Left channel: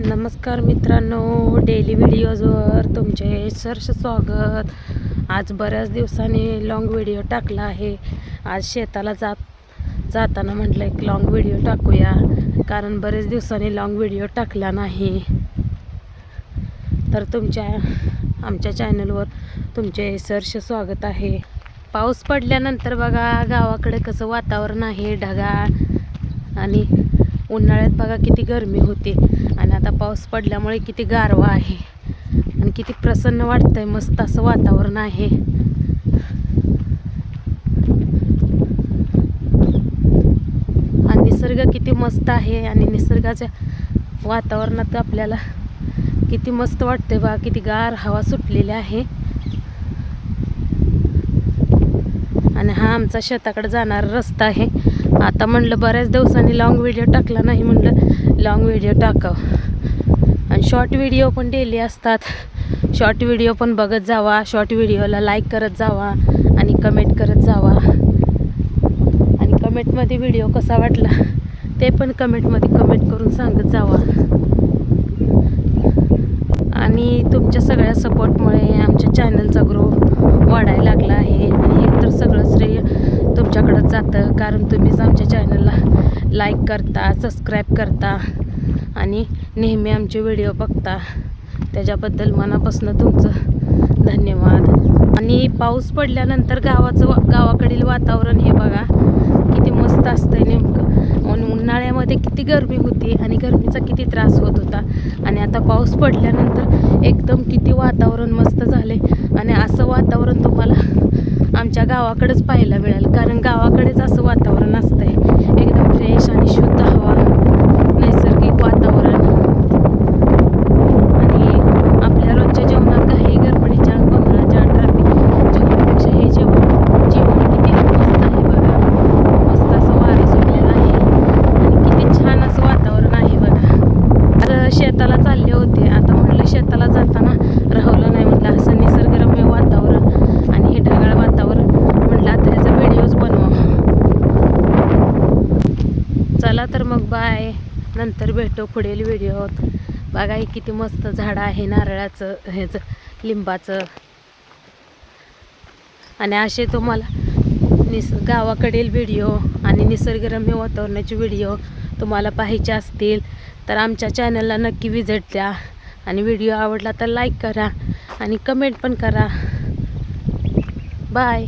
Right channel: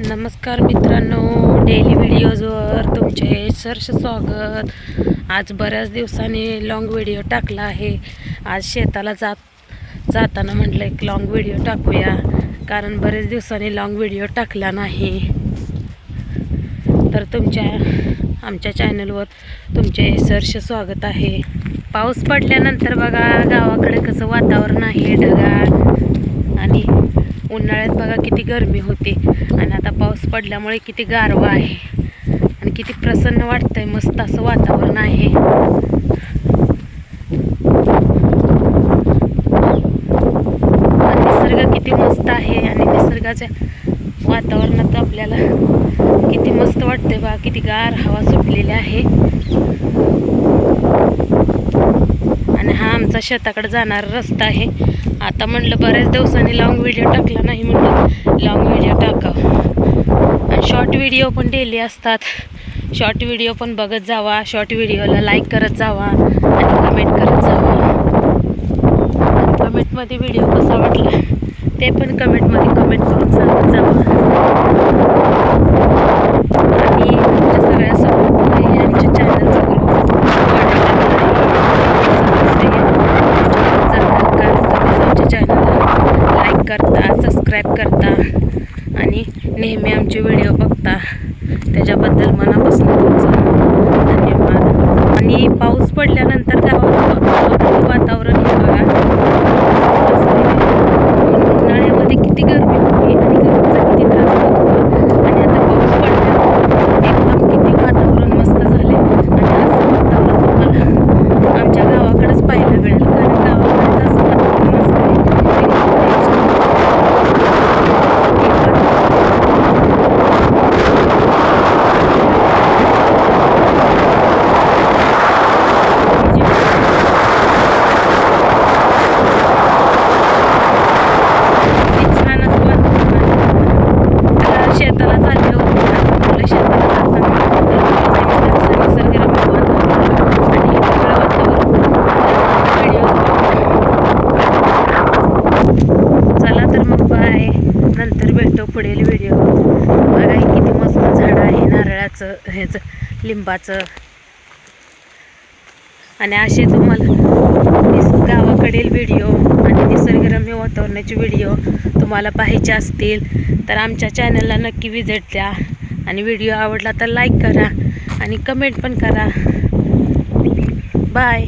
नमस्कार मित्रांनो, डेली व्हिडिओजवर तुमचे सहर्ष स्वागत। आज बऱ्याच दिवसांनी लॉंग व्हिडिओ टाकला आहे। आज शेताला जाताना म्हटलं एक लॉंग व्हिडिओ टाकूया, कारण बरेच दिवसांनी लॉंग व्हिडिओ टाकला नाही। तर आमच्या चॅनलवर तुमचे सहर्ष स्वागत आहे। पाऊस पडल्यानंतर बघा गावाकडे कसं वातावरण आहे, ढगाळ, आणि उन्हाळ्यात बघा किती गरमी होते आणि आता पाऊस पडल्यामुळे किती गारवा आहे आणि किती प्रसन्न वाटतंय। मस्त असं वातावरण आहे। आणि निसर्ग किती मस्त आहे आणि निसर्गाच्या वातावरणात आपल्याला किती मस्त वाटतंय बघा, किती गार हवा सुटलेली आहे। आणि हा आमचा शेताकडे जाणारा रस्ता आहे। आता म्हणलं बऱ्याच दिवसांनी लॉंग व्हिडिओ टाकला नाही, म्हणलं लॉंग व्हिडिओ टाकावं। आणि शॉर्ट व्हिडिओ पण डेली असतात, शॉर्ट व्हिडिओ पण बघत जावा, शॉर्ट व्हिडिओला लाईक करत जावा आणि कमेंट करत जावा। आणि कमेंटमध्ये व्हिडिओ कसा वाटला ते पण कमेंटमध्ये कमेंट करून सांगत जावा। आणि तुमच्या सगळ्या सपोर्टमुळे आमच्या चॅनलचा ग्रोथ वाढायला लागला आहे। सगळं श्रेय तुमच्याकडे जातं, कारण तुम्हीच आमच्या चॅनलला लाईक करता, सबस्क्राईब करता आणि नेहमी आमचे व्हिडिओ बघता। त्याच्याबद्दल मनापासून तुमचं धन्यवाद। आणि पाऊस पडल्यानंतर गावाकडील वातावरण हे बघा मस्त असतं। उन्हाळ्यामध्ये किती गरमी होती आणि गरमीचा किती त्रास होत होता, आणि आता पाऊस पडल्यानंतर एकदम किती वातावरण मस्त झाले। आणि असं वातावरण तुम्हाला आमच्या गावाकडेच पाहायला मिळेल, कारण गावाकडेच असं वातावरण असतं। शेताला चालले होते, आता म्हटलं शेताला जाताना असं निसर्गरम्य वातावरण आणि ढगाळ वातावरण व्हिडिओ। चला तर मग बाय, नंतर भेटू पुढील व्हिडिओ। बघा ही किती मस्त झाडं आहे, नारळाचं, ह्याचं, लिंबाचं। आणि असे तुम्हाला गावाकडील व्हिडिओ आणि निसर्गरम्य वातावरणाचे व्हिडिओ तुम्हाला पाहायचे असतील तर आमच्या चॅनलला नक्की व्हिजिट द्या। आणि व्हिडिओ आवडला तर लाईक करा आणि कमेंट पण करा। बाय।